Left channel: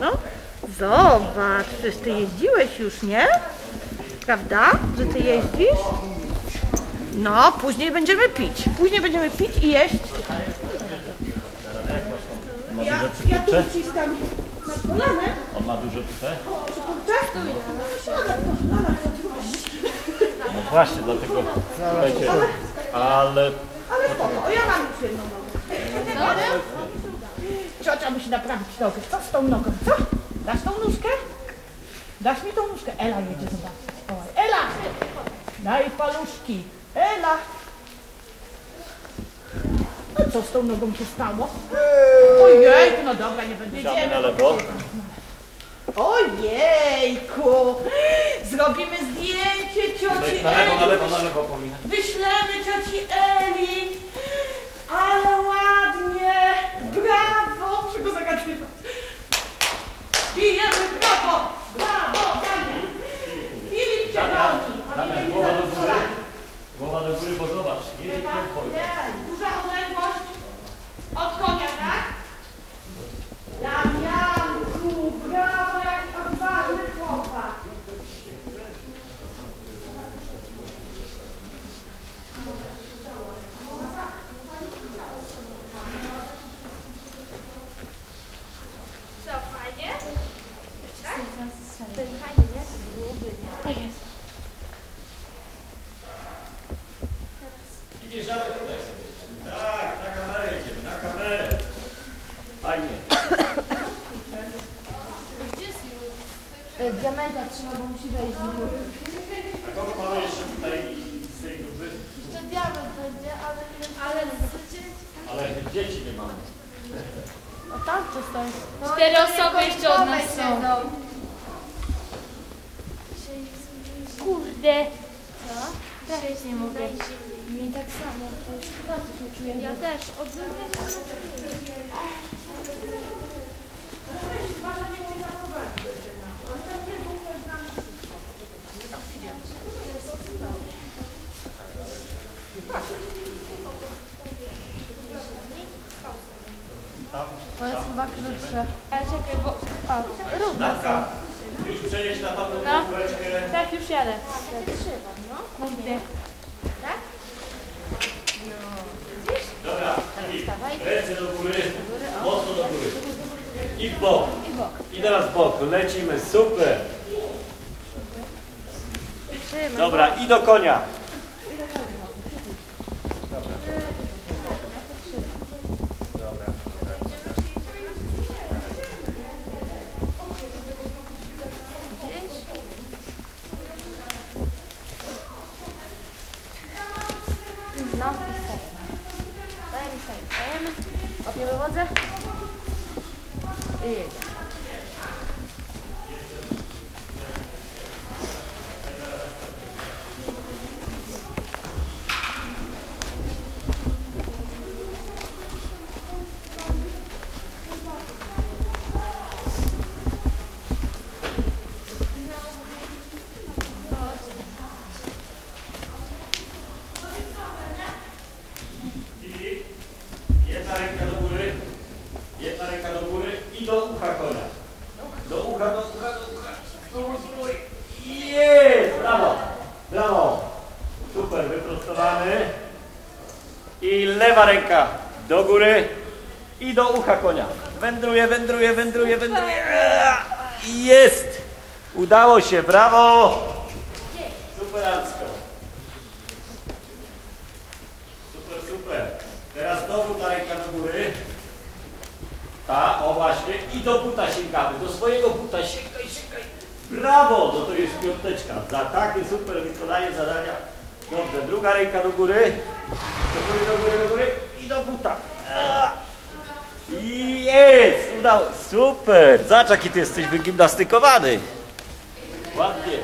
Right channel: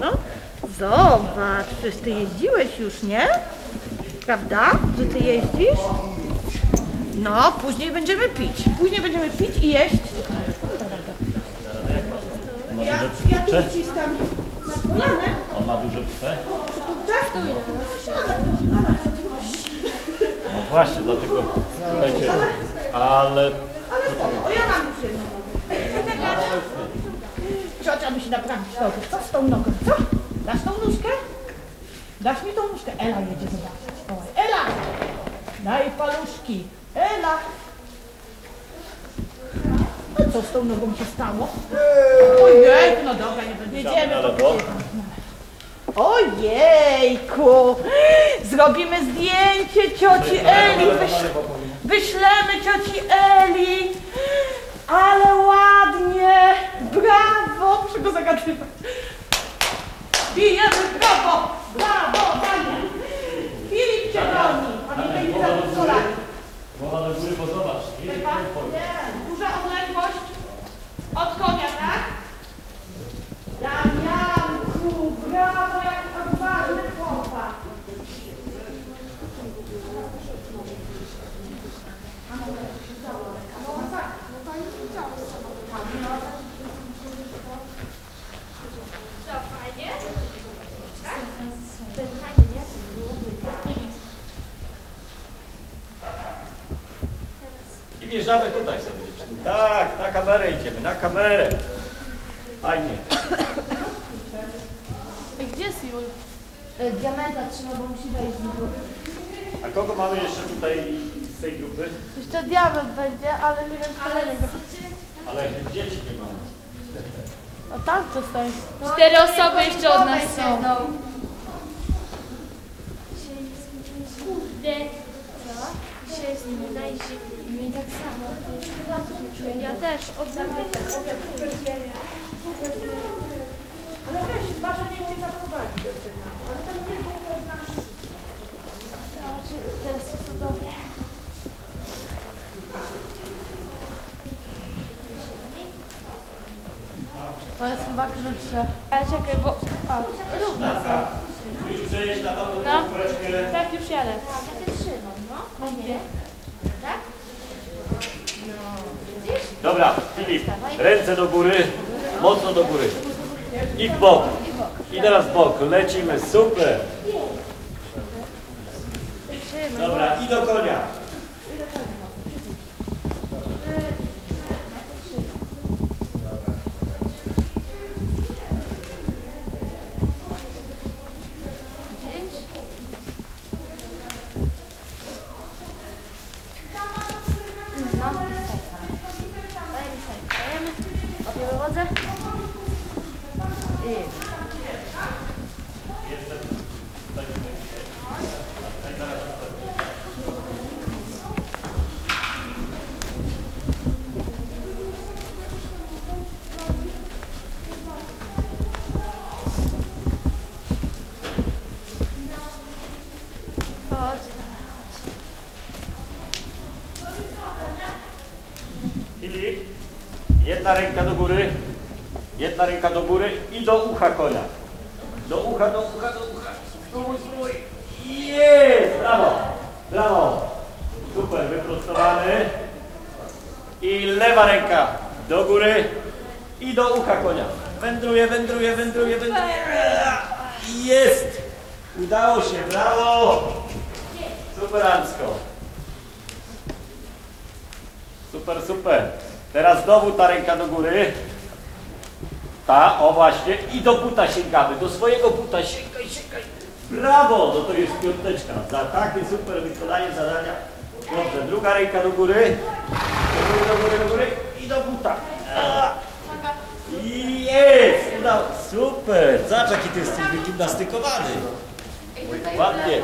No, zobacz, przecież ty jeździłeś już, nie? Prawda, że ty jeździsz? No, później będziemy pić. Później będziemy pić i jeść. Ma Ja, duże ja tu wcistam na kolanę. On ma duże pse? Tak? No właśnie, dlatego słuchajcie, ale Ale spoko, o, ja mam już jedną nogę. Ciocia musi naprawić nogę. Co z tą nogą? Co? Dasz tą nóżkę? Dasz mi tą nóżkę? Ela jedzie zobaczyć. Ela! Daj paluszki. Ela! No co z tą nogą się stało? Ojej, no dobra, nie będę Damy na jedziemy. lewo. Ojejku! Zrobimy zdjęcie cioci Eli. Wyślemy cioci Eli! Ale ładnie! Brawo! Muszę go zagadywać. Bijemy brawo! Brawo! Daniel! Filip cię goni! A nie będzie Głowa do góry, zadowolony. głowa do góry, bo zobacz, jedzie Chyba? koń Nie. Duża odległość od konia, tak? Damianku! Brawo! Jaki odważny chłopak! Co, fajnie? Tak? To jest fajnie, nie? To byłoby, nie? I wjeżdżamy tutaj sobie. Tak, na kamerę idziemy, na kamerę. Fajnie. Gdzie jest Jul? Diamenta trzeba, bo musi wejść w dół. A kogo mamy jeszcze tutaj z tej grupy? Jeszcze diament będzie, ale nie wiem, ale Ale dzieci nie mamy. O tam co stoi. Cztery osoby jeszcze od nas są. Kurde. Co? Też nie mogę. Tak. Ja też. Od Ale weź, nie umie zaprowadzić do tego. Ale nie było znam To jest chyba krótsze. Ale czekaj, bo... O, równo są. Już przejeść na No. Tak, już jadę. No gdzie? Dobra, Ręce do góry, mocno do góry. I w bok. I teraz w bok. Lecimy, super. Dobra, i do konia. No. Dajemy. Opiemy wodę. I jedna ręka do góry, jedna ręka do góry i do ucha konia. Do ucha, do ucha, do ucha. Spróbuj, spróbuj. Jest! Brawo, brawo. Super, wyprostowany. I lewa ręka do góry i do ucha konia. Wędruje, wędruje, wędruje, wędruje. Jest! Udało się, brawo! Superancko. Super, super. Teraz znowu ta ręka do góry. Ta, o właśnie. I do buta sięgamy. Do swojego buta. Sięgaj, sięgaj. Brawo! No to jest piąteczka. Za takie super wykonanie zadania. Dobrze, druga ręka do góry. Do góry, do góry, do góry. I do buta. Jest! Udało. Super! Zobacz jaki ty jesteś wygimnastykowany. Ładnie.